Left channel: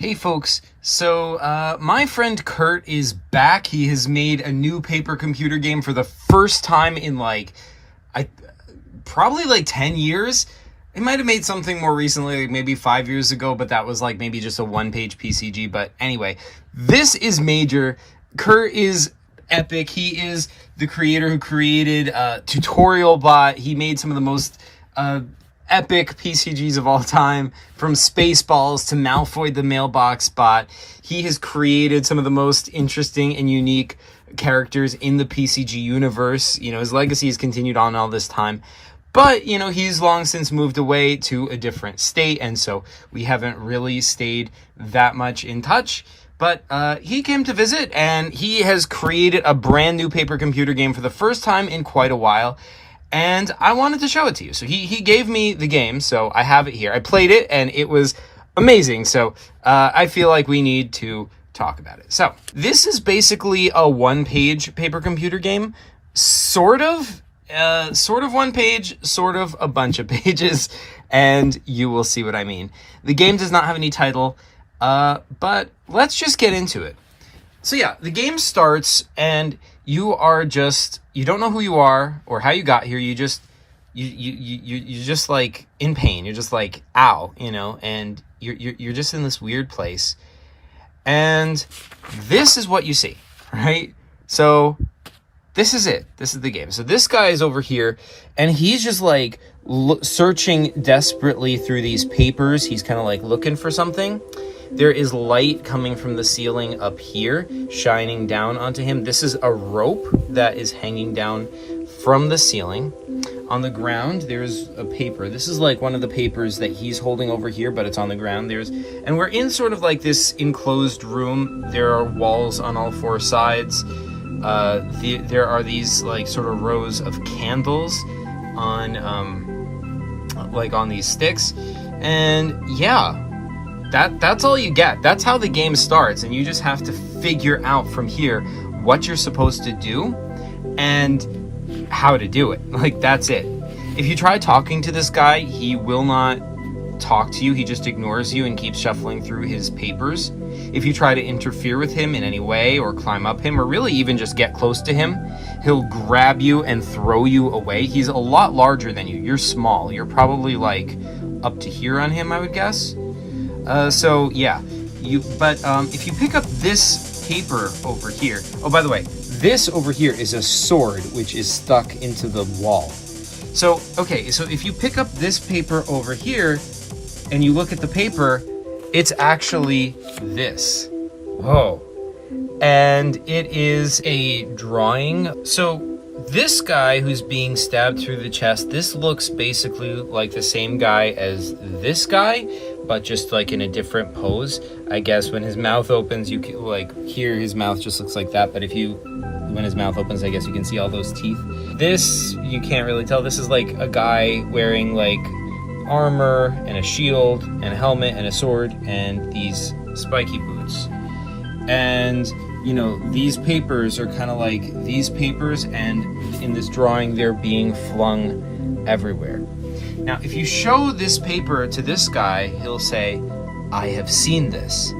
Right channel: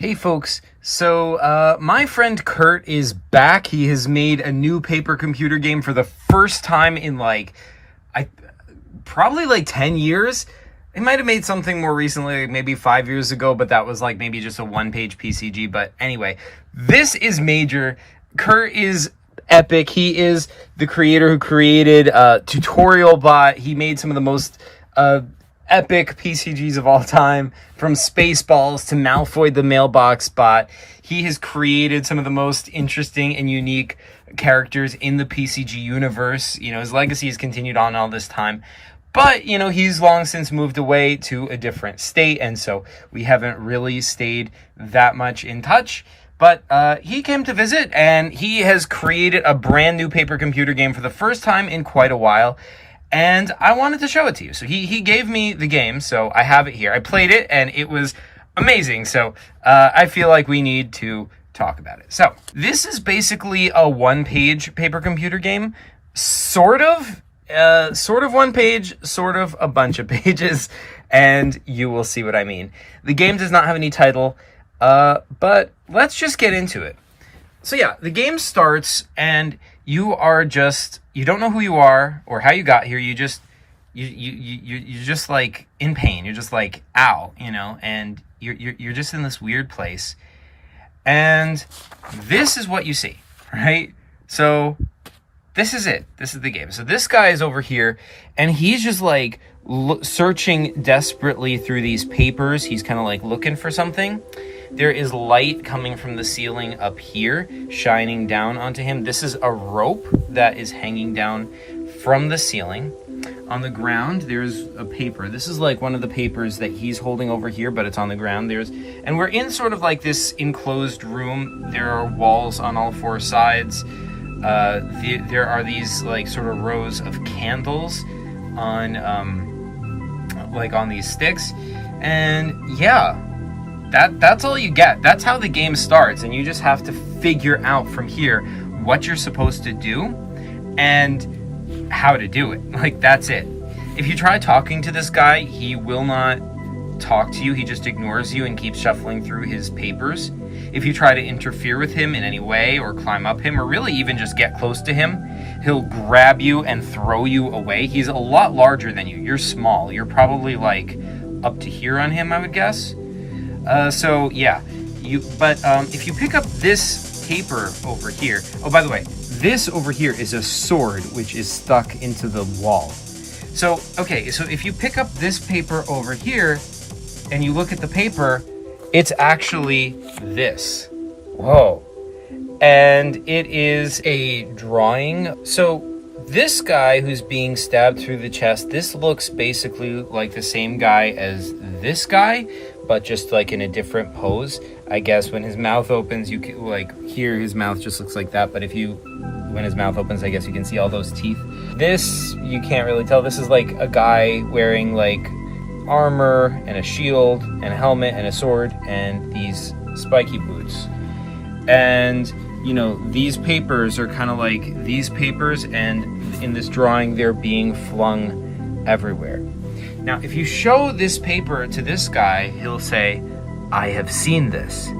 Hey folks, so my friend Kurt is back. He has made a new paper computer game for the first time in probably like 10 years. He might have made something more recently, like maybe 5 years ago, but that was like maybe just a one-page PCG. But anyway, this is major. Kurt is epic. He is the creator who created Tutorial Bot. He made some of the most epic PCGs of all time, from Spaceballs to Malfoy the Mailbox Bot. He has created some of the most interesting and unique characters in the PCG universe. You know, his legacy has continued on all this time. But, you know, he's long since moved away to a different state, and so we haven't really stayed that much in touch. But he came to visit, and he has created a brand new paper computer game for the first time in quite a while. And I wanted to show it to you. So he gave me the game, so I have it here. I played it, and it was amazing. So I feel like we need to talk about it. So this is basically a one-page paper computer game. Sort of one page, sort of a bunch of pages, and you will see what I mean. The game does not have any title, but let's just get into it. So yeah, the game starts, and you don't know who you are or how you got here. You're just like in pain. You're just like, ow, you know, and you're just in this weird place. And this is what you see, right? So this is it. This is the game. So this guy is over here, and he's just like searching desperately through these papers. He's kind of like looking for something. There is light coming from the ceiling up here, shining down onto him. This is a rope that is hanging down from the ceiling. On the ground, there's a paper. This is like one of the papers that he's holding over here, but it's on the ground. And we're in sort of like this enclosed room. There are walls on all four sides. There are these like sort of rows of candles on these sticks. And yeah, that's all you get. That's how the game starts, and you just have to figure out from here what you're supposed to do and how to do it. Like, that's it. If you try talking to this guy, he will not talk to you. He just ignores you and keeps shuffling through his papers. If you try to interfere with him in any way, or climb up him, or really even just get close to him, he'll grab you and throw you away. He's a lot larger than you. You're small. You're probably like up to here on him, I would guess. So yeah, if you pick up this paper over here, oh, by the way, this over here is a sword which is stuck into the wall. So, okay, so if you pick up this paper over here and you look at the paper, it's actually this. Whoa. And it is a drawing. So this guy who's being stabbed through the chest, this looks basically like the same guy as this guy, but just like in a different pose. I guess when his mouth opens, you can like here, his mouth just looks like that. But when his mouth opens, I guess you can see all those teeth. This, you can't really tell. This is like a guy wearing like armor and a shield and a helmet and a sword and these spiky boots. And you know, these papers are kind of like these papers, and in this drawing, they're being flung everywhere. Now, if you show this paper to this guy, he'll say, I have seen this.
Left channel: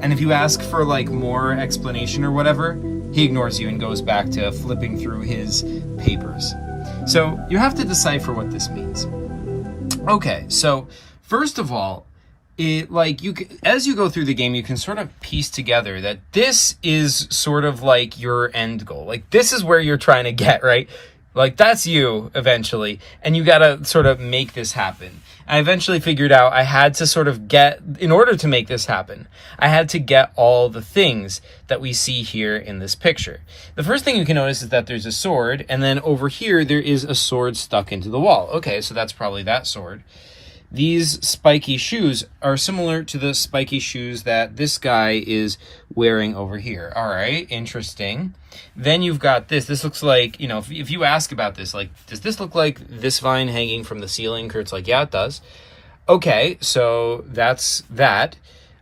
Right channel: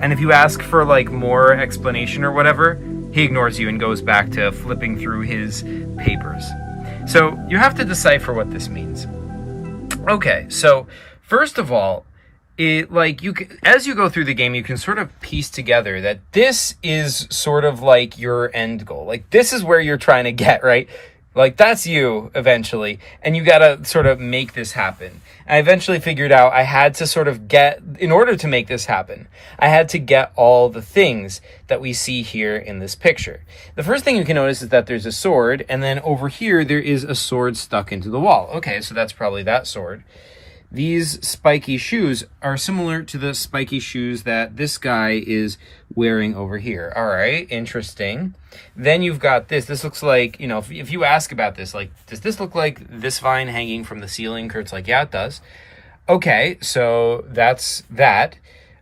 And if you ask for like more explanation or whatever, he ignores you and goes back to flipping through his papers. So you have to decipher what this means. Okay, so first of all, as you go through the game, you can sort of piece together that this is sort of like your end goal. Like, this is where you're trying to get, right? Like, that's you eventually, and you gotta sort of make this happen. I eventually figured out I had to sort of in order to make this happen, I had to get all the things that we see here in this picture. The first thing you can notice is that there's a sword, and then over here there is a sword stuck into the wall. Okay, so that's probably that sword. These spiky shoes are similar to the spiky shoes that this guy is wearing over here. All right, interesting. Then you've got this. This looks like, you know, if you ask about this, like, does this look like this vine hanging from the ceiling? Kurt's like, yeah, it does. Okay, so that's that.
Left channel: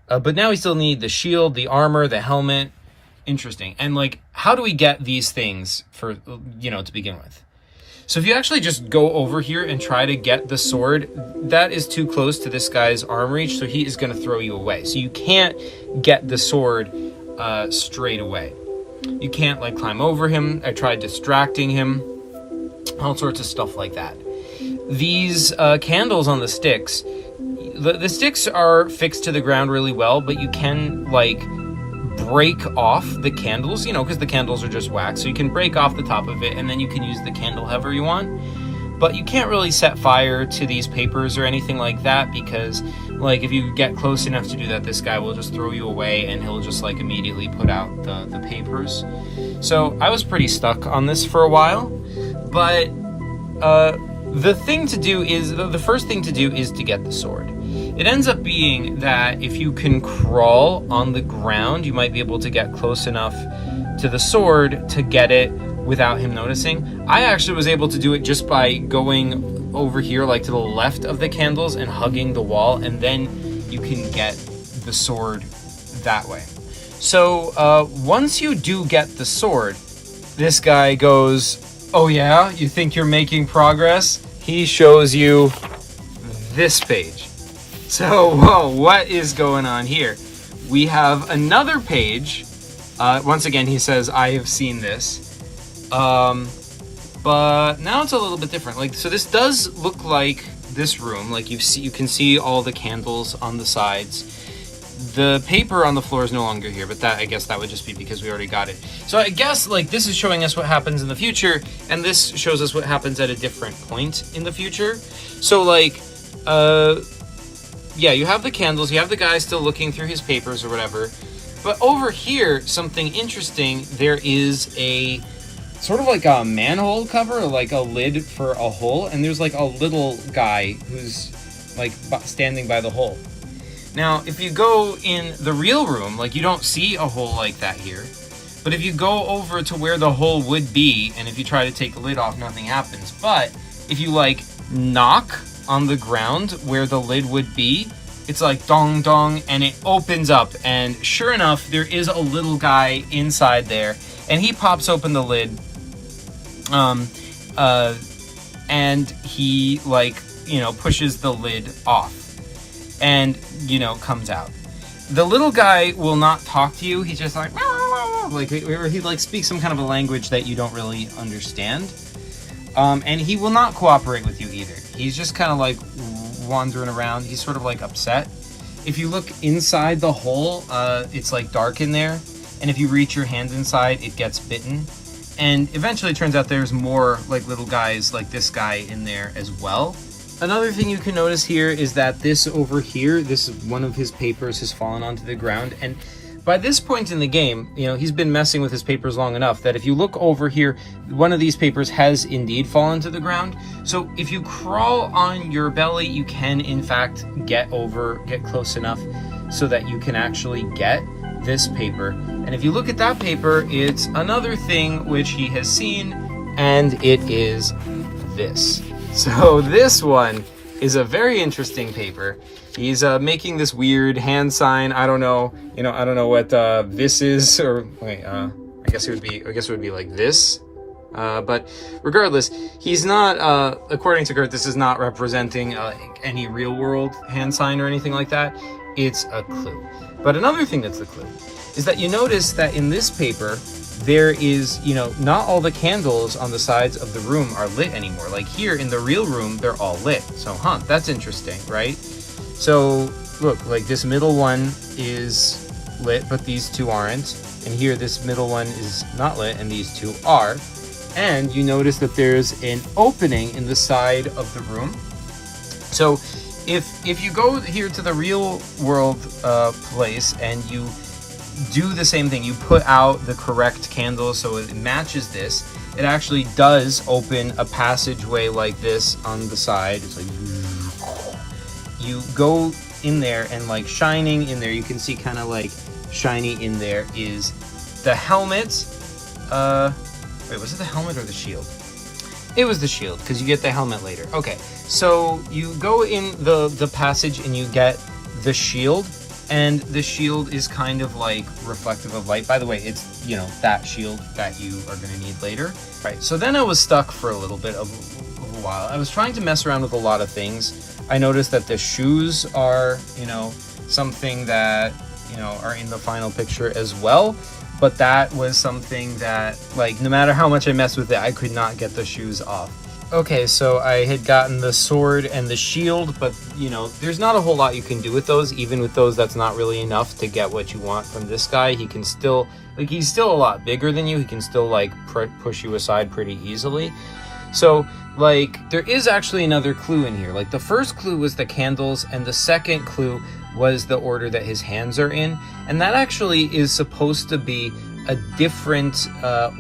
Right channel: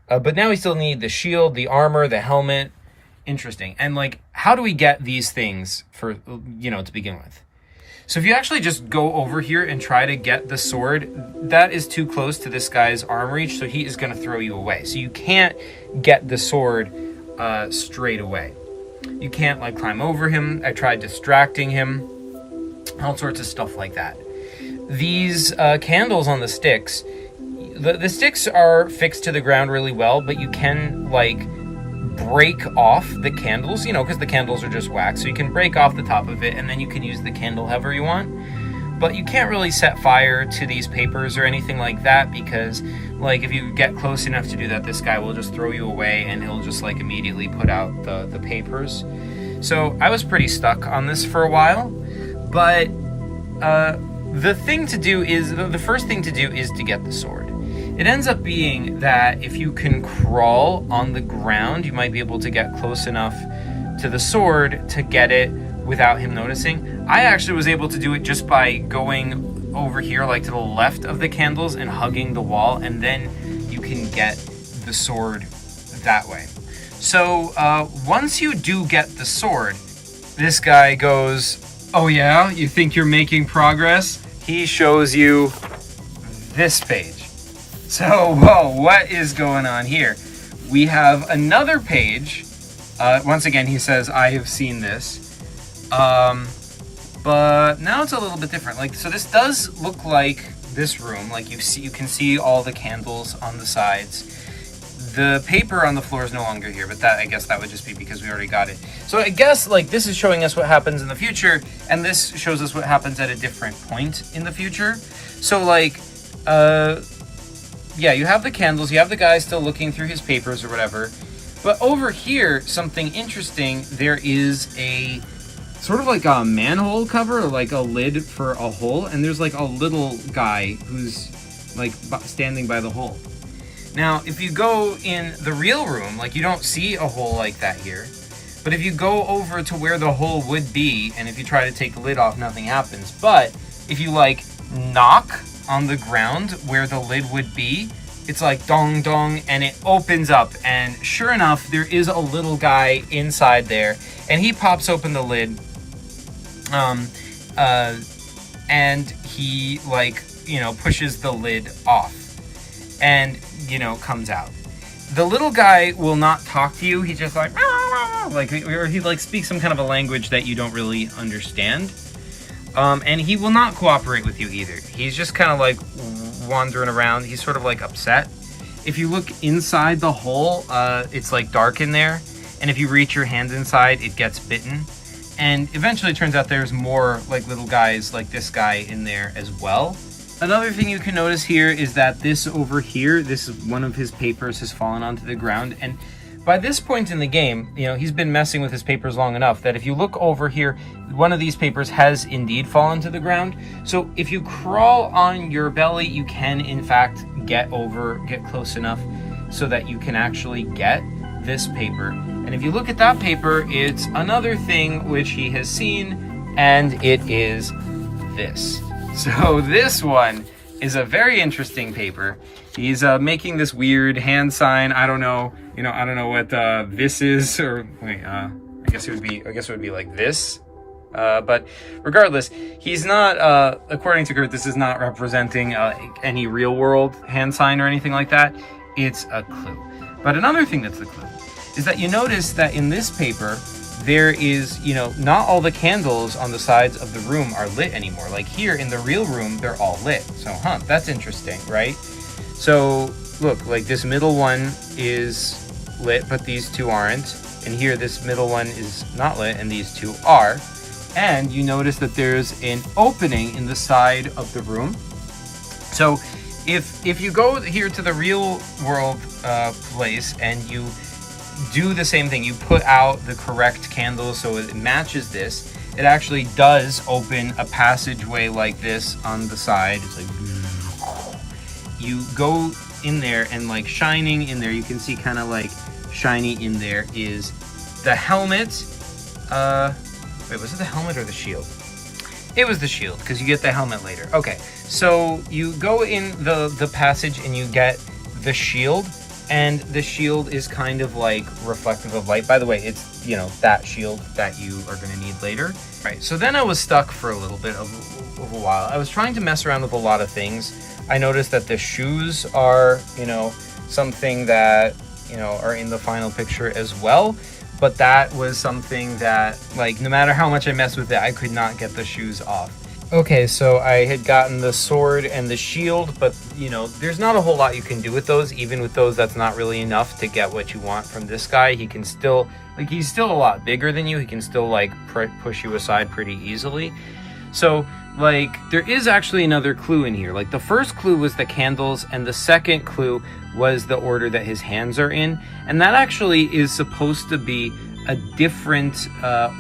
But now we still need the shield, the armor, the helmet. Interesting. And, like, how do we get these things for, you know, to begin with? So if you actually just go over here and try to get the sword, that is too close to this guy's arm reach, so he is going to throw you away. So you can't get the sword straight away. You can't like climb over him. I tried distracting him, all sorts of stuff like that. These candles on the sticks, the sticks are fixed to the ground really well, but you can like break off the candles, you know, because the candles are just wax, so you can break off the top of it and then you can use the candle however you want. But you can't really set fire to these papers or anything like that, because like if you get close enough to do that, this guy will just throw you away and he'll just like immediately put out the papers. So I was pretty stuck on this for a while, but the thing to do is, the first thing to do is to get the sword. It ends up being that if you can crawl on the ground, you might be able to get close enough to the sword to get it without him noticing. I actually was able to do it just by going over here, like to the left of the candles and hugging the wall, and then you can get the sword that way. So once you do get the sword, this guy goes, "Oh yeah, you think you're making progress?" He shows you this page. So, whoa, what is going on here? We have another page. Once again, he says, "I have seen this." But now it's a little bit different. Like, so this does look like this room. Like you can see all the candles on the sides. The paper on the floor is no longer here, but that, I guess that would just be because we already got it. So I guess like this is showing us what happens in the future, and this shows us what happens at a different point in the future. So like, yeah, you have the candles, you have the guy still looking through his papers or whatever. But over here, something interesting, there is a sort of like a manhole cover, or like a lid for a hole, and there's like a little guy who's like standing by the hole. Now, if you go in the real room, like you don't see a hole like that here. But if you go over to where the hole would be, and if you try to take the lid off, nothing happens. But if you like knock on the ground where the lid would be, it's like dong dong, and it opens up, and sure enough, there is a little guy inside there, and he pops open the lid, and he like, you know, pushes the lid off, and, you know, comes out. The little guy will not talk to you. He's just like, or he like speaks some kind of a language that you don't really understand. And he will not cooperate with you either. He's just kind of like wandering around. He's sort of like upset. If you look inside the hole, it's like dark in there. And if you reach your hand inside, it gets bitten. And eventually it turns out there's more like little guys like this guy in there as well. Another thing you can notice here is that this over here, this is one of his papers has fallen onto the ground. And by this point in the game, you know, he's been messing with his papers long enough that if you look over here, one of these papers has indeed fallen to the ground. So if you crawl on your belly, you can in fact get close enough so that you can actually get this paper. And if you look at that paper, it's another thing which he has seen, and it is this. So this one is a very interesting paper. He's making this weird hand sign. I don't know, you know, I don't know what this is, or wait, I guess it would be like this. But regardless, he's not, according to Kurt, this is not representing any real world hand sign or anything like that. It's a clue. But another thing that's a clue is that you notice that in this paper, there is, you know, not all the candles on the sides of the room are lit anymore. Like here in the real room, they're all lit. So, that's interesting, right? So look, like this middle one is lit, but these two aren't. And here, this middle one is not lit, and these two are. And you notice that there's an opening in the side of the room. So if you go here to the real world place and you do the same thing, you put out the correct candle so it matches this, it actually does open a passageway like this on the side. It's like, you go in there, and like shining in there, you can see kind of like shiny in there is the helmet. Wait, was it the helmet or the shield? It was the shield, because you get the helmet later. Okay, so you go in the passage and you get the shield, And the shield is kind of like reflective of light. By the way, it's, you know, that shield that you are going to need later. Right, so then I was stuck for a little bit of a while. I was trying to mess around with a lot of things. I noticed that the shoes are, you know, something that, you know, are in the final picture as well. But that was something that, like, no matter how much I messed with it, I could not get the shoes off. Okay, so I had gotten the sword and the shield, but, you know, there's not a whole lot you can do with those. Even with those, that's not really enough to get what you want from this guy. He can still, like, he's still a lot bigger than you. He can still, like, push you aside pretty easily. So, like, there is actually another clue in here. Like, the first clue was the candles, and the second clue was the order that his hands are in. And that actually is supposed to be a different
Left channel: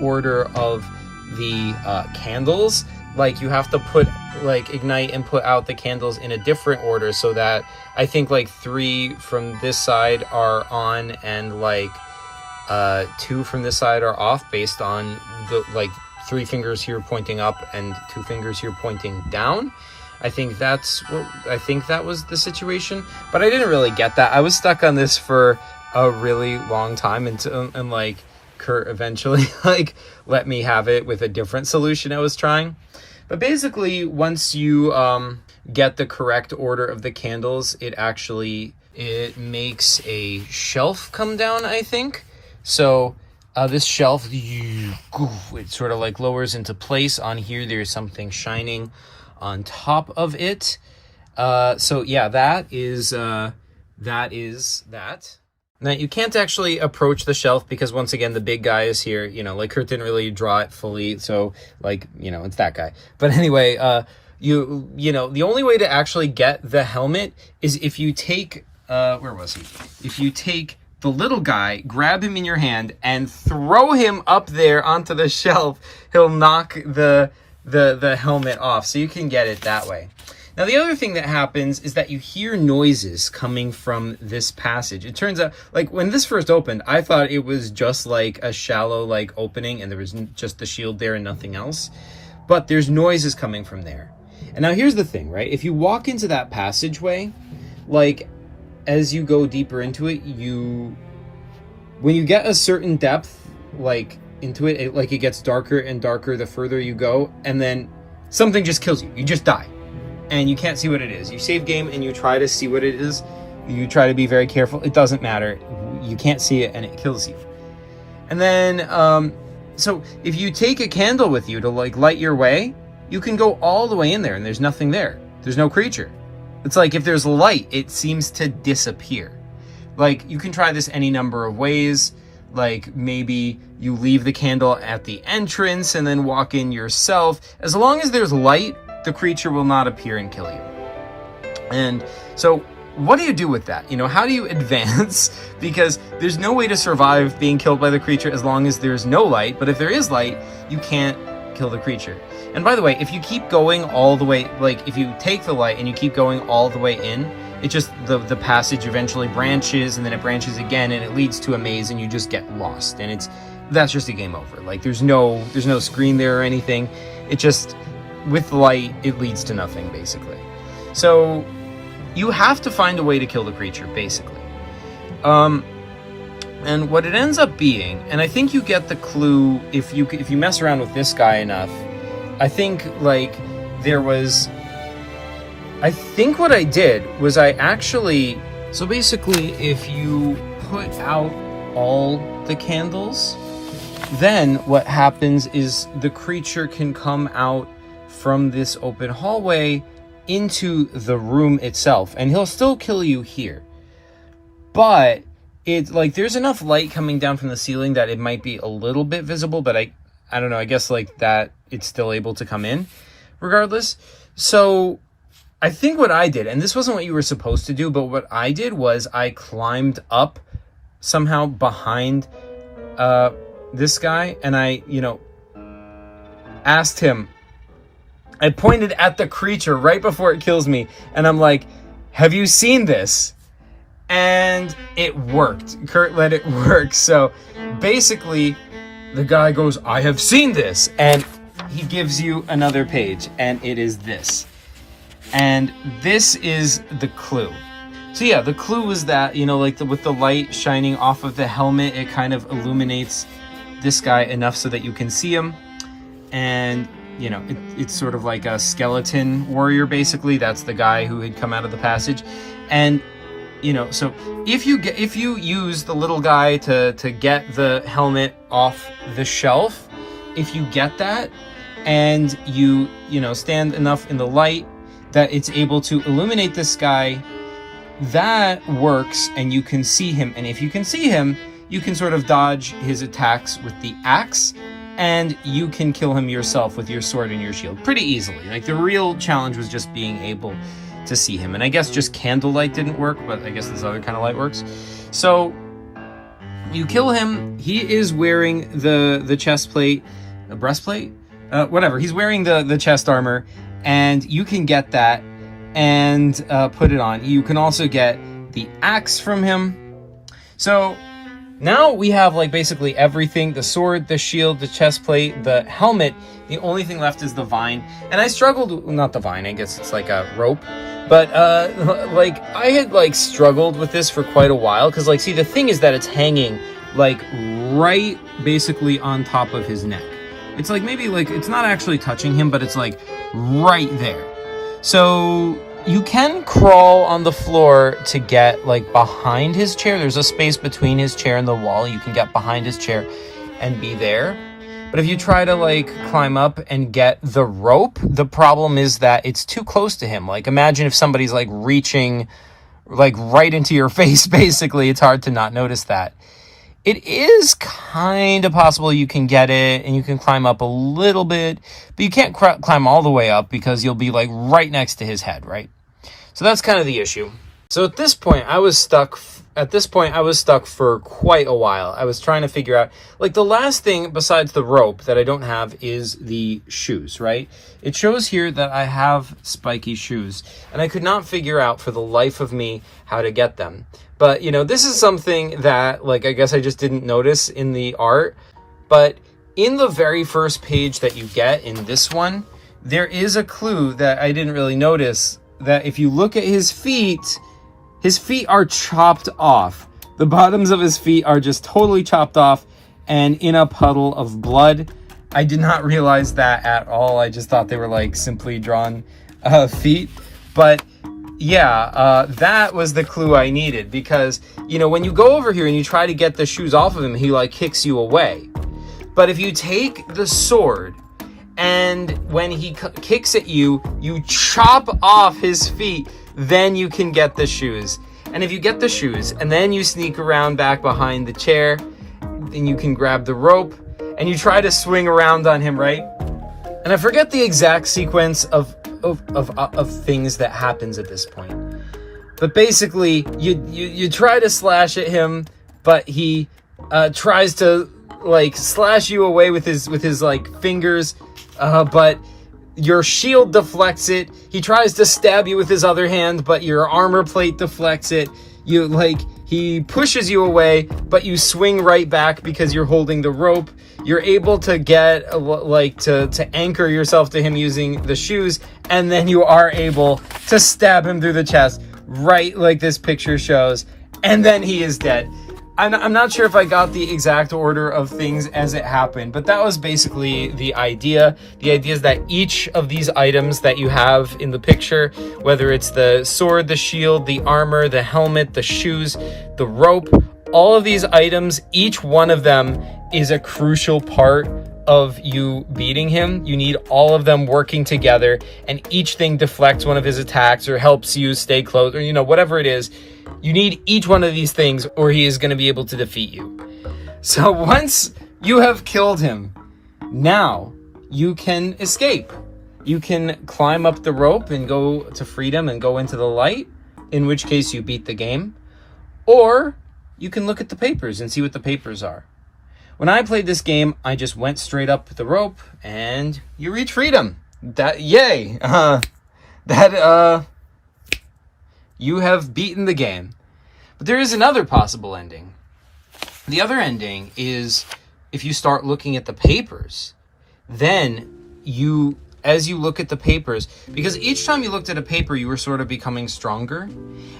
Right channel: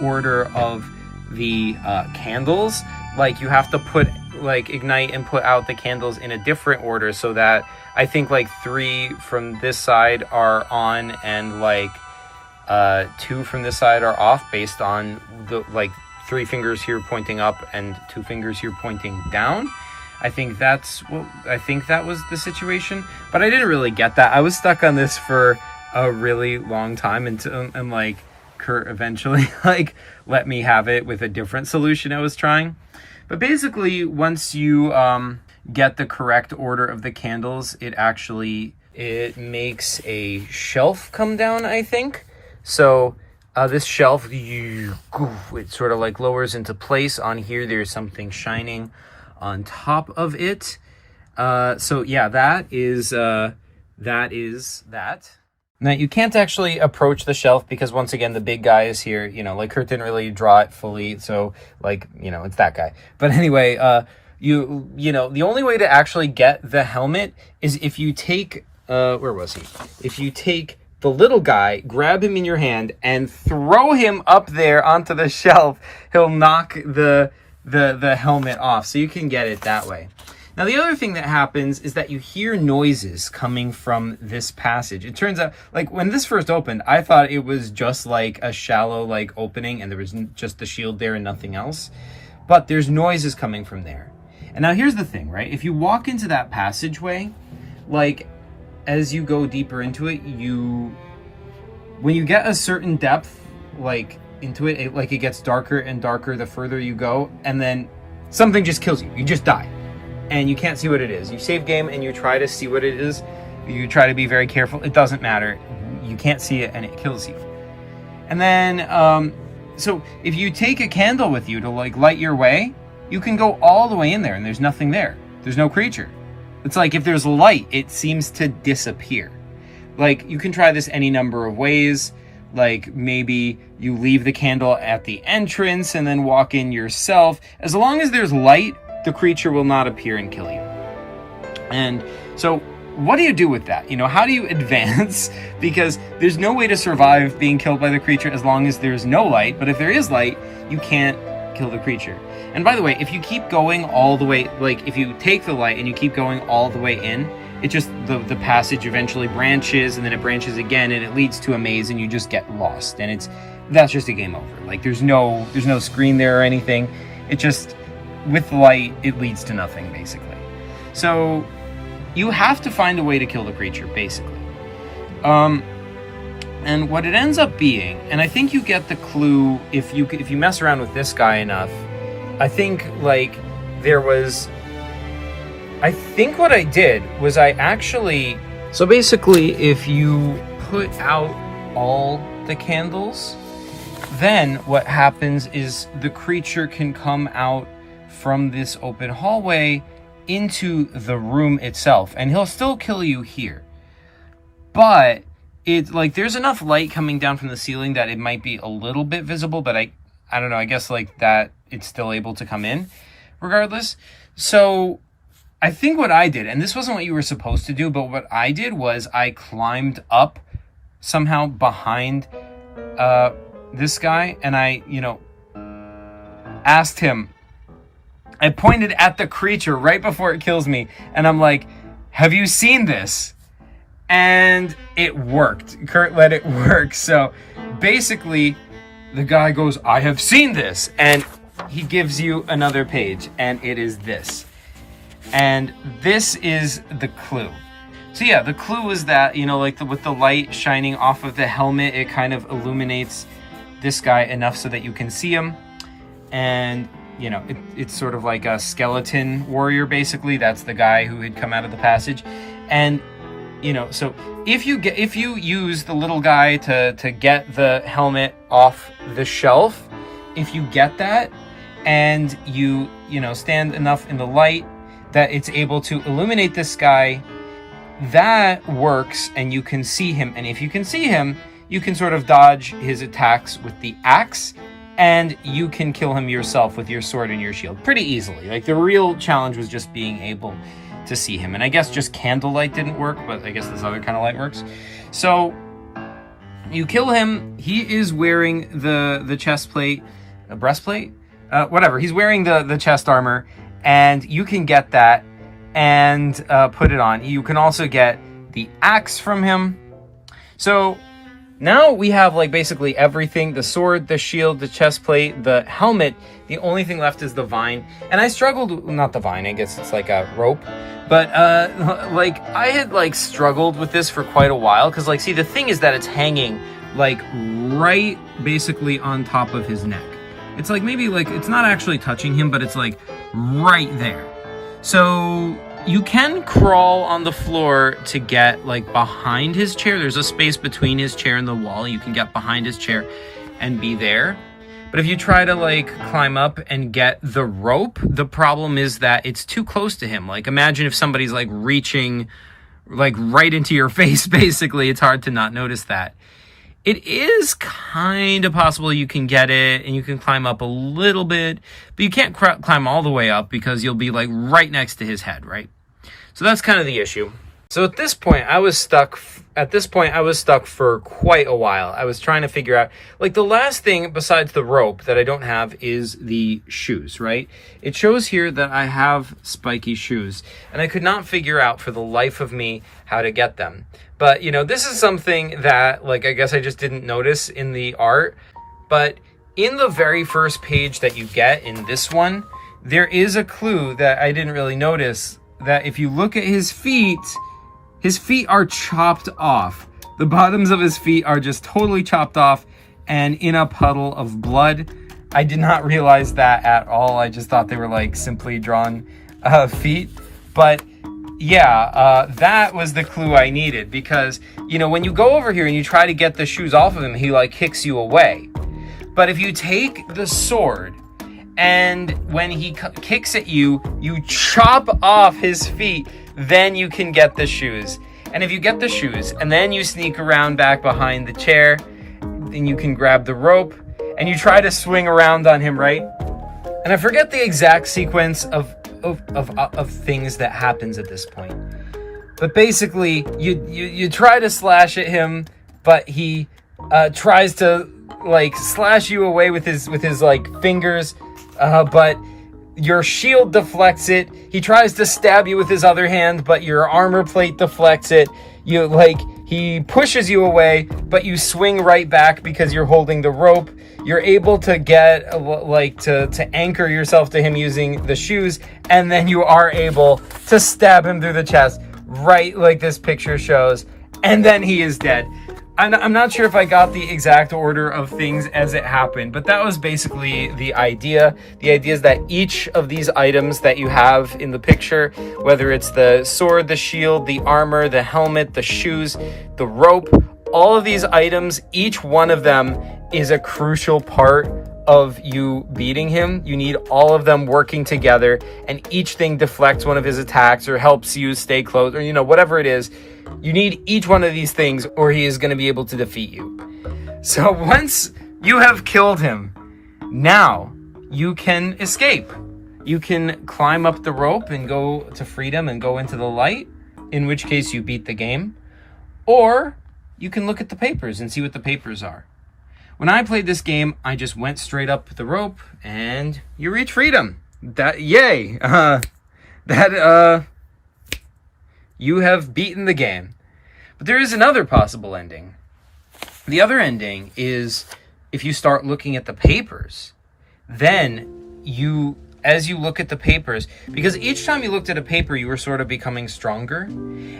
order of the candles. Like, you have to put, like, ignite and put out the candles in a different order, so that I think, like, 3 from this side are on and, like, 2 from this side are off, based on the, like, 3 fingers here pointing up and 2 fingers here pointing down. I think that was the situation, but I didn't really get that. I was stuck on this for a really long time until, and like, Kurt eventually like let me have it with a different solution I was trying. But basically, once you get the correct order of the candles, it makes a shelf come down, I think. So this shelf, it sort of like lowers into place. On here, there's something shining on top of it. So yeah, that is that. Now, you can't actually approach the shelf because, once again, the big guy is here. You know, like, Kurt didn't really draw it fully, so, like, you know, it's that guy. But anyway, you know, the only way to actually get the helmet is if you take, where was he? If you take the little guy, grab him in your hand, and throw him up there onto the shelf, he'll knock the helmet off, so you can get it that way. Now, the other thing that happens is that you hear noises coming from this passage. It turns out, like, when this first opened, I thought it was just like a shallow, like, opening, and there was just the shield there and nothing else. But there's noises coming from there. And now here's the thing, right? If you walk into that passageway, like, as you go deeper into it, when you get a certain depth, like, into it, it gets darker and darker the further you go, and then something just kills you. You just die. And you can't see what it is. You save game and you try to see what it is. You try to be very careful. It doesn't matter. You can't see it and it kills you. And then, so if you take a candle with you to, like, light your way, you can go all the way in there and there's nothing there. There's no creature. It's like, if there's light, it seems to disappear. Like, you can try this any number of ways. Like, maybe you leave the candle at the entrance and then walk in yourself. As long as there's light, the creature will not appear and kill you. And so, what do you do with that? You know, how do you advance? Because there's no way to survive being killed by the creature as long as there's no light. But if there is light, you can't kill the creature. And by the way, if you keep going all the way, like, if you take the light and you keep going all the way in, it just, the passage eventually branches, and then it branches again, and it leads to a maze, and you just get lost. And that's just a game over. Like, there's no screen there or anything. It just, with light, it leads to nothing, basically. So you have to find a way to kill the creature, basically. And what it ends up being, and I think you get the clue if you mess around with this guy enough. I think, like, I think what I did was so basically, if you put out all the candles, then what happens is the creature can come out from this open hallway into the room itself, and he'll still kill you here. But it's like, there's enough light coming down from the ceiling that it might be a little bit visible, but I don't know, I guess, like, that it's still able to come in regardless. So I think what I did, and this wasn't what you were supposed to do, but what I did was I climbed up somehow behind this guy, and I, you know, asked him, I pointed at the creature right before it kills me, and I'm like, have you seen this? And it worked. Kurt let it work. So basically, the guy goes, I have seen this. And he gives you another page, and it is this. And this is the clue. So yeah, the clue is that, you know, like with the light shining off of the helmet, it kind of illuminates this guy enough so that you can see him. And, you know, it's sort of like a skeleton warrior, basically. That's the guy who had come out of the passage. And, you know, so if you use the little guy to get the helmet off the shelf, if you get that and you know, stand enough in the light that it's able to illuminate this guy, that works and you can see him. And if you can see him, you can sort of dodge his attacks with the axe, and you can kill him yourself with your sword and your shield pretty easily. Like, the real challenge was just being able to see him. And I guess just candlelight didn't work, but I guess this other kind of light works. So you kill him. He is wearing the chest plate, a breastplate, whatever. He's wearing the chest armor, and you can get that and put it on. You can also get the axe from him. So now we have, like, basically everything: the sword, the shield, the chest plate, the helmet. The only thing left is the vine. And I struggled, not the vine, I guess it's like a rope. But, like, I had, like, struggled with this for quite a while. Because, like, see, the thing is that it's hanging, like, right basically on top of his neck. It's, like, maybe, like, it's not actually touching him, but it's, like, right there. So you can crawl on the floor to get, like, behind his chair. There's a space between his chair and the wall. You can get behind his chair and be there. But if you try to, like, climb up and get the rope, the problem is that it's too close to him. Like, imagine if somebody's, like, reaching, like, right into your face, basically. It's hard to not notice that. It is kind of possible you can get it and you can climb up a little bit, but you can't climb all the way up because you'll be, like, right next to his head, right? So that's kind of the issue. So at this point, I was stuck for quite a while. I was trying to figure out, like, the last thing besides the rope that I don't have is the shoes, right? It shows here that I have spiky shoes, and I could not figure out for the life of me how to get them. But, you know, this is something that, like, I guess I just didn't notice in the art. But in the very first page that you get in this one, there is a clue that I didn't really notice, that if you look at his feet are chopped off. The bottoms of his feet are just totally chopped off and in a puddle of blood. I did not realize that at all. I just thought they were, like, simply drawn feet. But yeah, that was the clue I needed, because, you know, when you go over here and you try to get the shoes off of him, he, like, kicks you away. But if you take the sword and when he kicks at you, you chop off his feet, then you can get the shoes. And if you get the shoes and then you sneak around back behind the chair, then you can grab the rope and you try to swing around on him, right? And I forget the exact sequence of things that happens at this point. But basically, you try to slash at him, but he tries to, like, slash you away with his like, fingers, but your shield deflects it. He tries to stab you with his other hand, but your armor plate deflects it. He pushes you away, but you swing right back because you're holding the rope. You're able to get, like, to anchor yourself to him using the shoes, and then you are able to stab him through the chest, right like this picture shows, and then he is dead. I'm not sure if I got the exact order of things as it happened, but that was basically the idea. The idea is that each of these items that you have in the picture, whether it's the sword, the shield, the armor, the helmet, the shoes, the rope, all of these items, each one of them is a crucial part of you beating him. You need all of them working together, and each thing deflects one of his attacks or helps you stay close, or, you know, whatever it is. You need each one of these things or he is going to be able to defeat you. So once you have killed him, now you can escape. You can climb up the rope and go to freedom and go into the light, in which case you beat the game. Or you can look at the papers and see what the papers are. When I played this game, I just went straight up the rope and you reach freedom. Yay! You have beaten the game. But there is another possible ending. The other ending is, if you start looking at the papers, then you as you look at the papers, because each time you looked at a paper, you were sort of becoming stronger.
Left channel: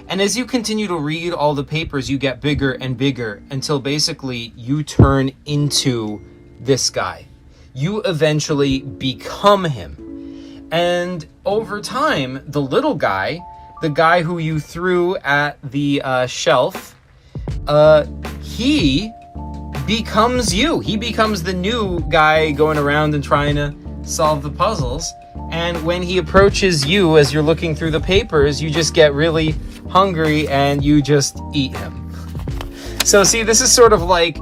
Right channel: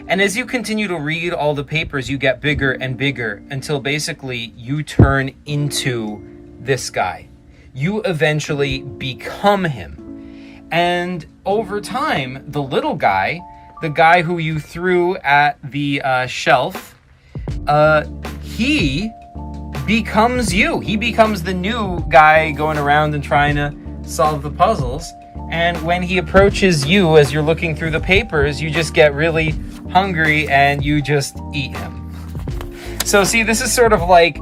And as you continue to read all the papers, you get bigger and bigger until basically you turn into this guy. You eventually become him. And over time, the little guy, the guy who you threw at the shelf, he becomes you. He becomes the new guy going around and trying to solve the puzzles. And when he approaches you as you're looking through the papers, you just get really hungry and you just eat him. So see, this is sort of like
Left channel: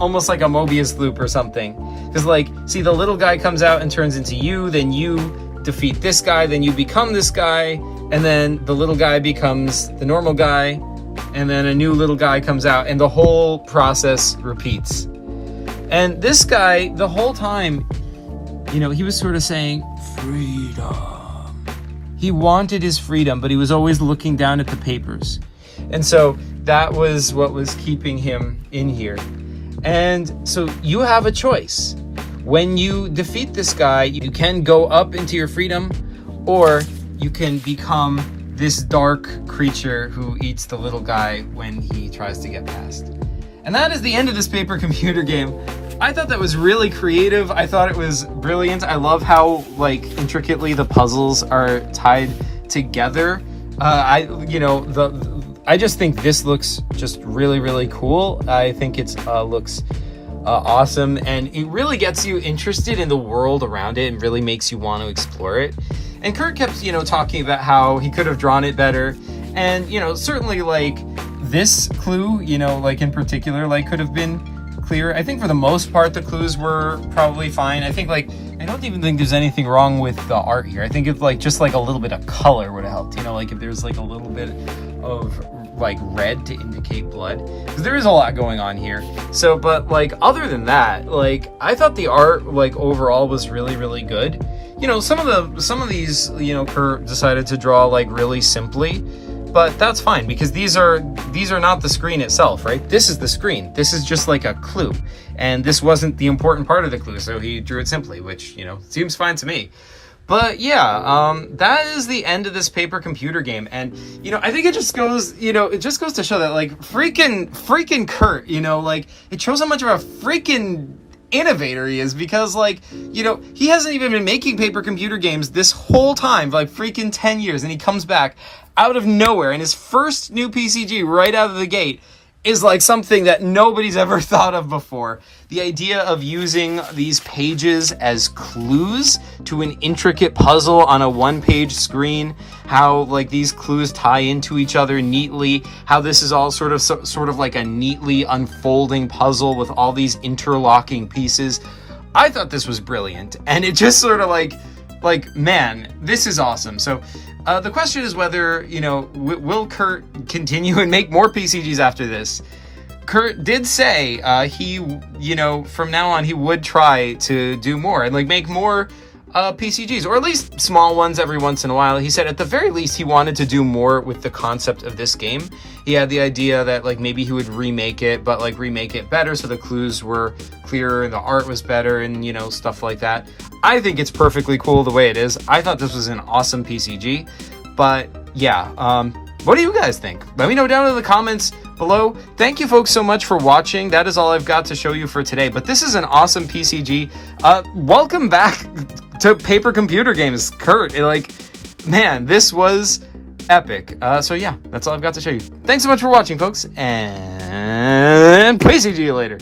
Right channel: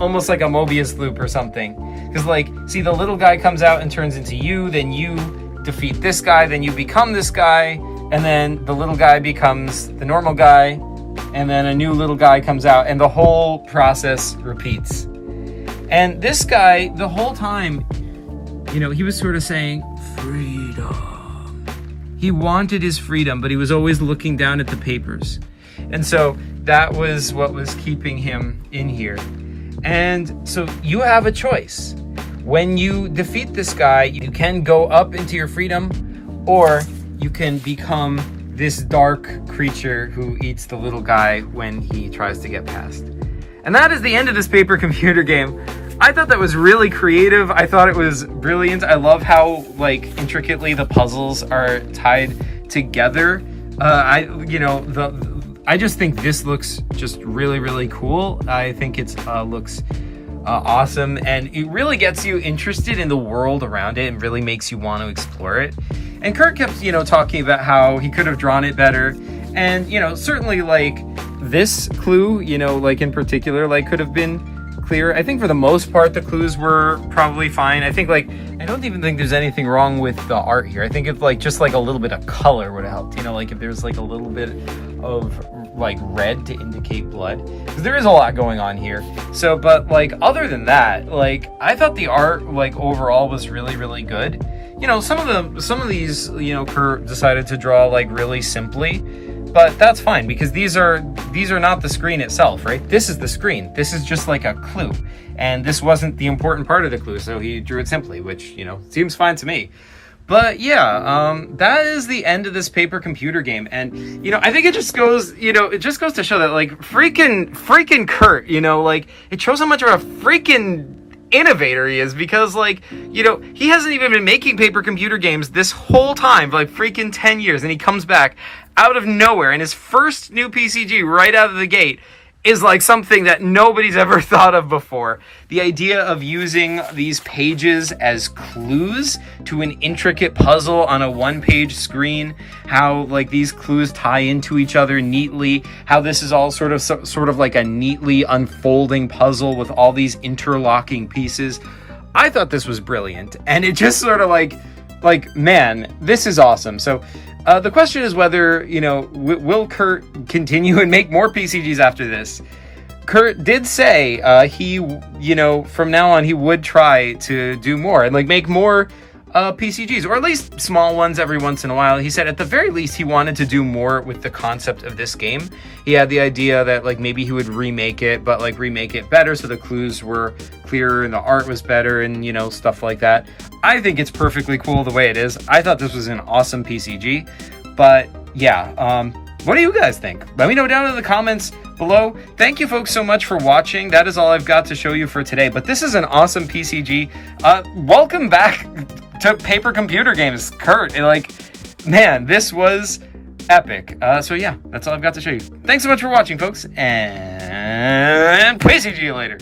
almost like a Mobius loop or something. Because like, see, the little guy comes out and turns into you, then you defeat this guy, then you become this guy, and then the little guy becomes the normal guy, and then a new little guy comes out, and the whole process repeats. And this guy, the whole time, you know, he was sort of saying, freedom. He wanted his freedom, but he was always looking down at the papers. And so that was what was keeping him in here. And so you have a choice. When you defeat this guy, you can go up into your freedom, or you can become this dark creature who eats the little guy when he tries to get past. And that is the end of this paper computer game. I thought that was really creative. I thought it was brilliant. I love how like intricately the puzzles are tied together. I just think this looks just really, really cool. I think it looks awesome, and it really gets you interested in the world around it and really makes you want to explore it. And Kurt kept, talking about how he could have drawn it better. And, certainly like this clue, like in particular, like could have been clear. I think for the most part, the clues were probably fine. I think I don't even think there's anything wrong with the art here. I think it's like just like a little bit of color would have helped, like if there's like a little bit of like red to indicate blood, because there is a lot going on here. So, but like other than that, like I thought the art like overall was really, really good. Some of these, Kurt decided to draw like really simply, but that's fine because these are not the screen itself, right? This is the screen. This is just like a clue, and this wasn't the important part of the clue, so he drew it simply, which seems fine to me. But yeah, that is the end of this paper computer game, and I think it just goes, to show that like freaking Kurt, like it shows how much of a freaking innovator he is, because like he hasn't even been making paper computer games this whole time, like freaking 10 years, and he comes back out of nowhere, and his first new PCG right out of the gate is like something that nobody's ever thought of before. The idea of using these pages as clues to an intricate puzzle on a one-page screen, how like these clues tie into each other neatly, how this is all sort of like a neatly unfolding puzzle with all these interlocking pieces. I thought this was brilliant, and it just sort of like man, this is awesome. So the question is whether, will Kurt continue and make more PCGs after this? Kurt did say he, from now on he would try to do more and like make more PCGs, or at least small ones every once in a while. He said at the very least he wanted to do more with the concept of this game. He had the idea that like maybe he would remake it, but like remake it better so the clues were clearer and the art was better and stuff like that. I think it's perfectly cool the way it is. I thought this was an awesome PCG, but yeah, what do you guys think? Let me know down in the comments below. Thank you folks so much for watching. That is all I've got to show you for today, but this is an awesome PCG. Welcome back to paper computer games, Kurt. Man, this was epic. So yeah, that's all I've got to show you. Thanks so much for watching, folks, and PCG you later.